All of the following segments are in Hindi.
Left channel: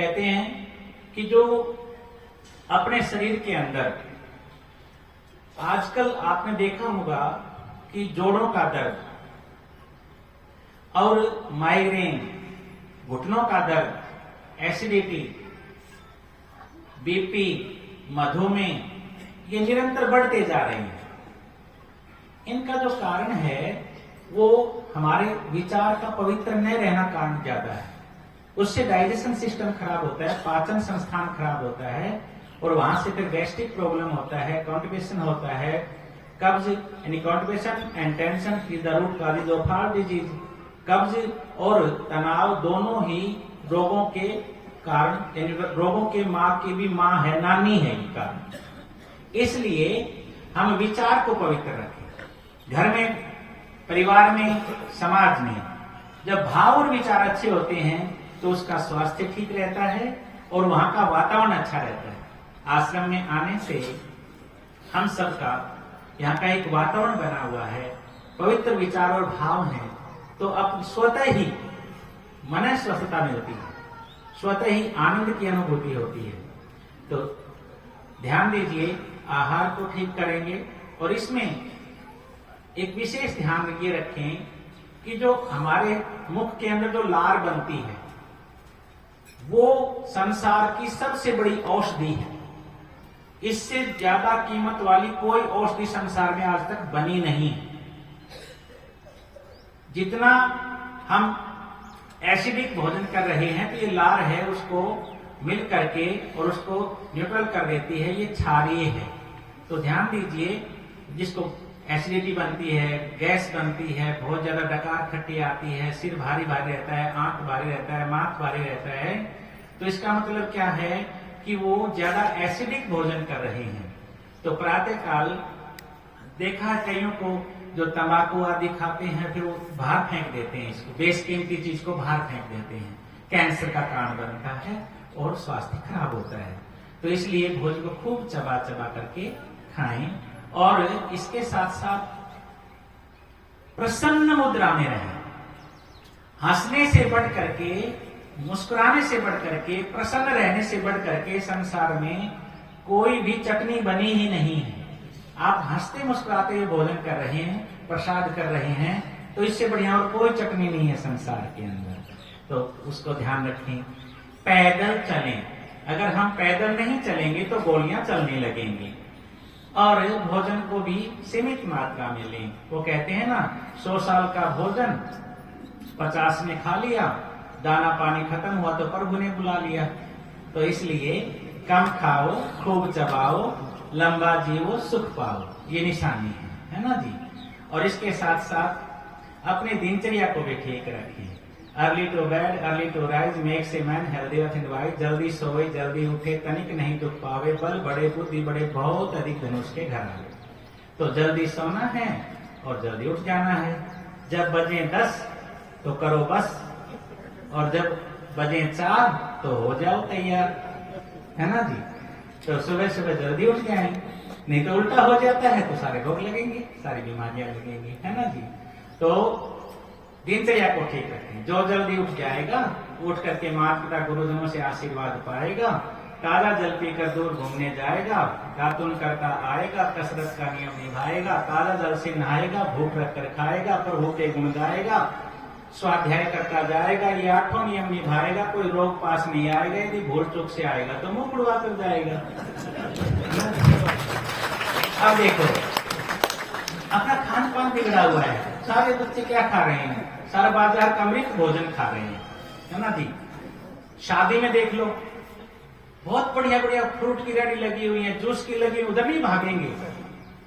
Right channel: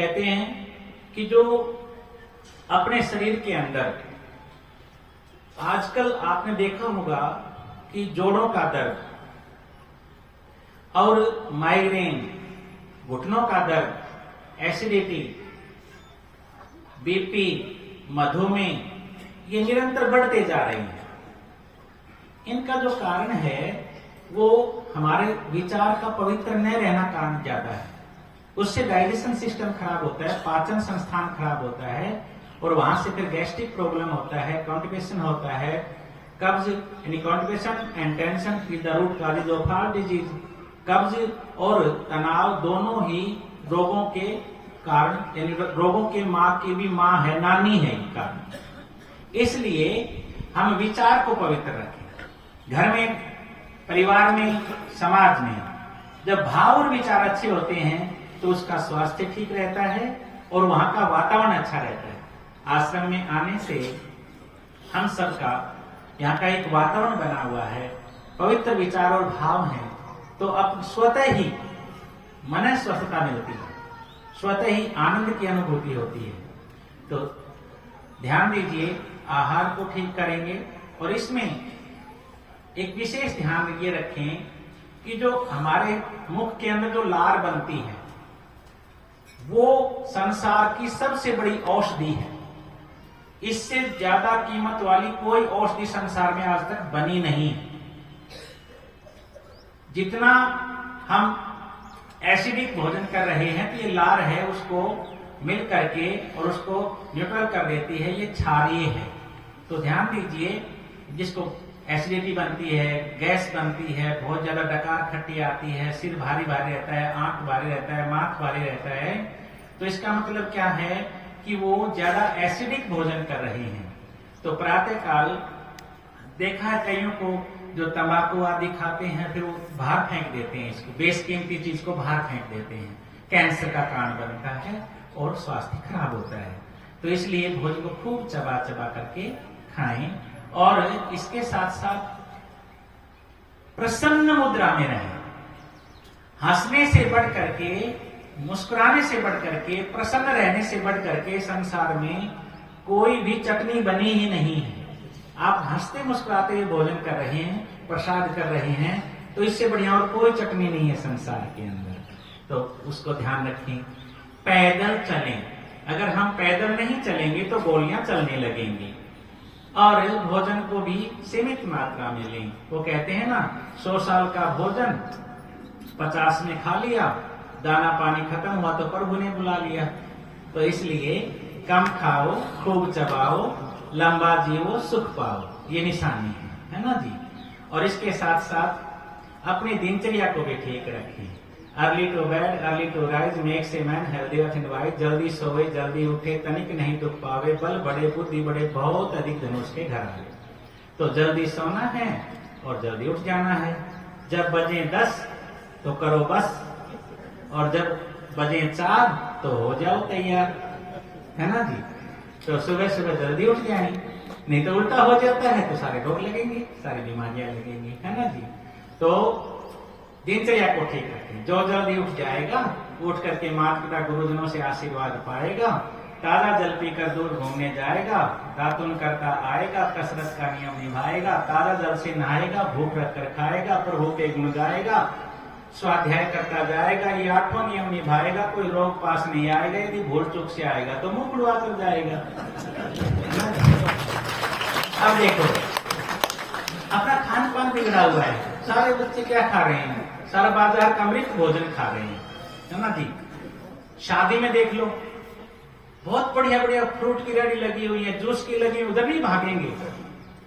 कहते हैं कि जो अपने शरीर के अंदर आजकल आपने देखा होगा कि जोड़ों का दर्द और माइग्रेन, घुटनों का दर्द, एसिडिटी, बीपी, मधुमेह ये निरंतर बढ़ते जा रहे हैं। इनका जो कारण है वो हमारे विचार का पवित्र न रहना कारण ज्यादा है। उससे डाइजेशन सिस्टम खराब होता है, पाचन संस्थान खराब होता है और वहां से फिर गैस्ट्रिक प्रॉब्लम होता है, कॉन्स्टिपेशन होता है, कब्ज यानी constipation and tension is the root cause of all disease. कब्ज और तनाव दोनों ही रोगों के कारण, यानी रोगों के माँ की भी माँ है, नानी है कारण। इसलिए हम विचार को पवित्र रखें। घर में, परिवार में, समाज में जब भाव और विचार अच्छे होते हैं तो उसका स्वास्थ्य ठीक रहता है और वहां का वातावरण अच्छा रहता है। आश्रम में आने से हम सबका यहाँ का एक वातावरण बना हुआ है, पवित्र विचार और भाव हैं, तो अब स्वतः ही मन स्वस्थता मिलती है, स्वतः ही आनंद की अनुभूति होती है। तो ध्यान दीजिए, आहार को ठीक करेंगे और इसमें एक विशेष ध्यान ये रखें कि जो हमारे मुख के अंदर जो लार बनती है वो संसार की सबसे बड़ी औषधि है। इससे ज्यादा कीमत वाली कोई औषधि संसार में आज तक बनी नहीं है। जितना हम एसिडिक भोजन कर रहे हैं तो ये लार है उसको मिल करके और उसको न्यूट्रल कर देती है, ये क्षारीय है। तो ध्यान दीजिए, जिसको एसिडिटी बनती है, गैस बनती है, बहुत ज्यादा डकार खट्टी आती है, सिर भारी भारी रहता है, आंख भारी रहता है, माथ भारी रहता है, तो इसका मतलब क्या है कि वो ज्यादा एसिडिक भोजन कर रहे हैं। तो प्रातः काल देखा है कईयों को जो तंबाकू आदि खाते हैं फिर वो बाहर फेंक देते हैं, इसको बेसकीमती चीज को बाहर फेंक देते हैं, कैंसर का कारण बनता है और स्वास्थ्य खराब होता है। तो इसलिए भोजन को खूब चबा चबा करके खाएं और इसके साथ साथ प्रसन्न मुद्रा में रहें। हंसने से बढ़ करके, मुस्कुराने से बढ़ करके, प्रसन्न रहने से बढ़ करके संसार में कोई भी चटनी बनी ही नहीं है। आप हंसते मुस्कुराते हुए भोजन कर रहे हैं, प्रसाद कर रहे हैं, तो इससे बढ़िया और कोई चटनी नहीं है संसार के अंदर। तो उसको ध्यान रखें। पैदल चलें। अगर हम पैदल नहीं चलेंगे तो गोलियां चलने लगेंगी। और भोजन को भी सीमित मात्रा में लें। वो कहते हैं ना, 100 साल का भोजन 50 में खा लिया, दाना पानी खत्म हुआ तो प्रभु ने बुला लिया। तो इसलिए कम खाओ, खूब चबाओ, लंबा जियो, सुख पाओ, ये निशानी है ना जी। और इसके साथ साथ अपने दिनचर्या को भी ठीक रखें। Early to bed, early to rise makes a man healthy and wise. जल्दी सोए, जल्दी उठे, तनिक नहीं दुख पावे, बल बड़े बुद्धि बड़े, बहुत अधिक धनुष के घर आए। तो जल्दी सोना है और जल्दी उठ जाना है। जब बजे 10 तो करो बस, और जब बजे 4 तो हो जाओ तैयार, है ना जी। तो सुबह सुबह जल्दी उठ जाए, नहीं तो उल्टा हो जाता है तो सारे रोग लगेंगे, सारी बीमारियां लगेंगी, है ना जी। तो दिनचर्या को ठीक रखें। जो जल्दी उठ जाएगा, उठ करके माता पिता गुरुजनों से आशीर्वाद पाएगा, ताजा जल पीकर दूर घूमने जाएगा, दातुन करता आएगा, कसरत का नियम निभाएगा, ताजा जल से नहाएगा, भूख रख कर खाएगा, प्रभु के गुण गाएगा, स्वाध्याय करता जाएगा, ये 8 नियम निभाएगा, कोई रोग पास नहीं आएगा। यदि भूल चूक से आएगा तो मुंह खुलवा कर जाएगा। अब देखो, अपना खान पान बिगड़ा हुआ है। सारे बच्चे क्या खा रहे हैं? सारा बाजार का मृत भोजन खा रहे हैं, है ना जी। शादी में देख लो, बहुत बढ़िया बढ़िया फ्रूट की रेडी लगी हुई है, जूस की लगी, उधर नहीं भागेंगे।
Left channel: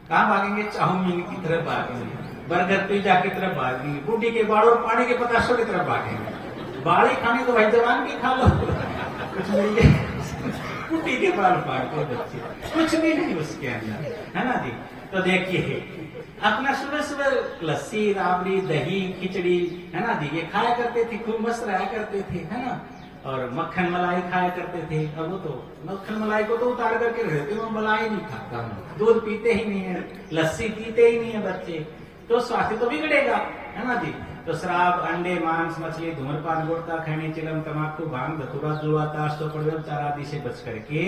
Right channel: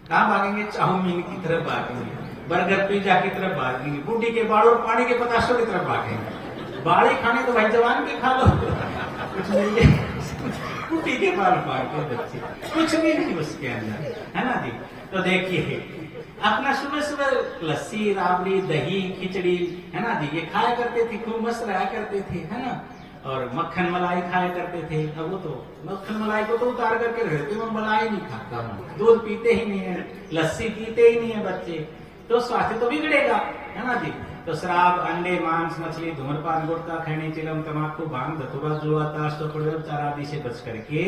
कहाँ भागेंगे? चाउमीन की तरफ भागेंगे, बर्गर पिज्जा की तरफ भागेंगे, बूढ़ी के बाड़ों पानी के पताशों की तरफ भागेंगे। बाड़ी खाने को भाई जवान भी खा लो, कुछ नहीं है। बूढ़ी के बाल फाड़ते बच्चे, कुछ भी नहीं उसके अंदर, है ना जी। तो देखिए, अपना सुबह सुबह लस्सी, राबड़ी, दही, खिचड़ी, है ना जी, ये खाया करते थे, खूब मस्त रहा करते थे, है ना। और मक्खन मलाई खाया करते थे। अब वो तो मक्खन मलाई को तो उतार करके रहते हो, मलाई नहीं खाता हूँ, दूध पीते ही नहीं है, लस्सी पीते ही नहीं है बच्चे, तो स्वास्थ्य तो बिगड़ेगा, है ना जी। तो शराब, अंडे, मांस, मछली, धूम्रपान, गुटखा, खैनी, चिलम, तम्बाकू, भांग, धतूरा, जुआ, ताश, तो चार आदि से बच करके,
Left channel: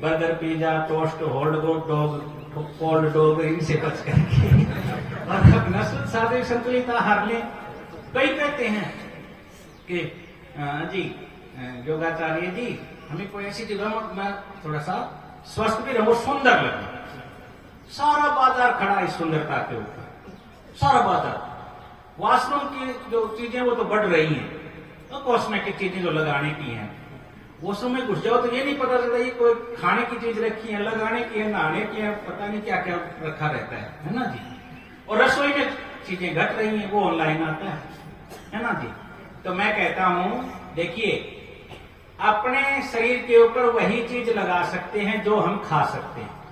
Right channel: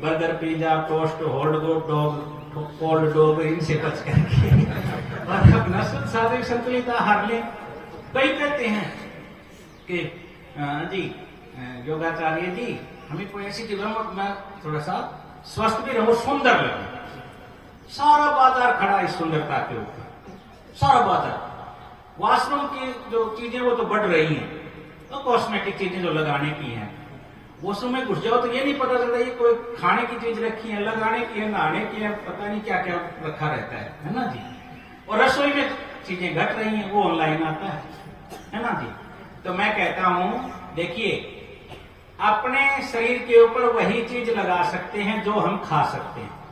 burger, pizza, toast, hot dog, cold dog, इनसे बच करके और सात्विक संतुलित आहार में। कई कहते हैं कि जी योगाचार्य जी हमें कोई ऐसी जगह में थोड़ा सा स्वस्थ भी रहो, सुंदर लगे। सारा बाजार खड़ा है सुंदरता के ऊपर, सारा बाजार। वास्तव की जो चीजें वो तो बढ़ रही हैं, तो कॉस्मेटिक चीजें जो लगाने की हैं, वो समय घुस जाओ तो ये नहीं पता चलता ये कोई खाने की चीज रखी है, लगाने की है, नहाने की है, पता नहीं क्या क्या रखा रहता है ना जी। और रसोई में चीजें घट रही हैं, वो ऑनलाइन आता है ना जी। तो मैं कहता हूं देखिए, अपने शरीर के ऊपर वही चीज लगा सकते हैं जो हम खा सकते हैं।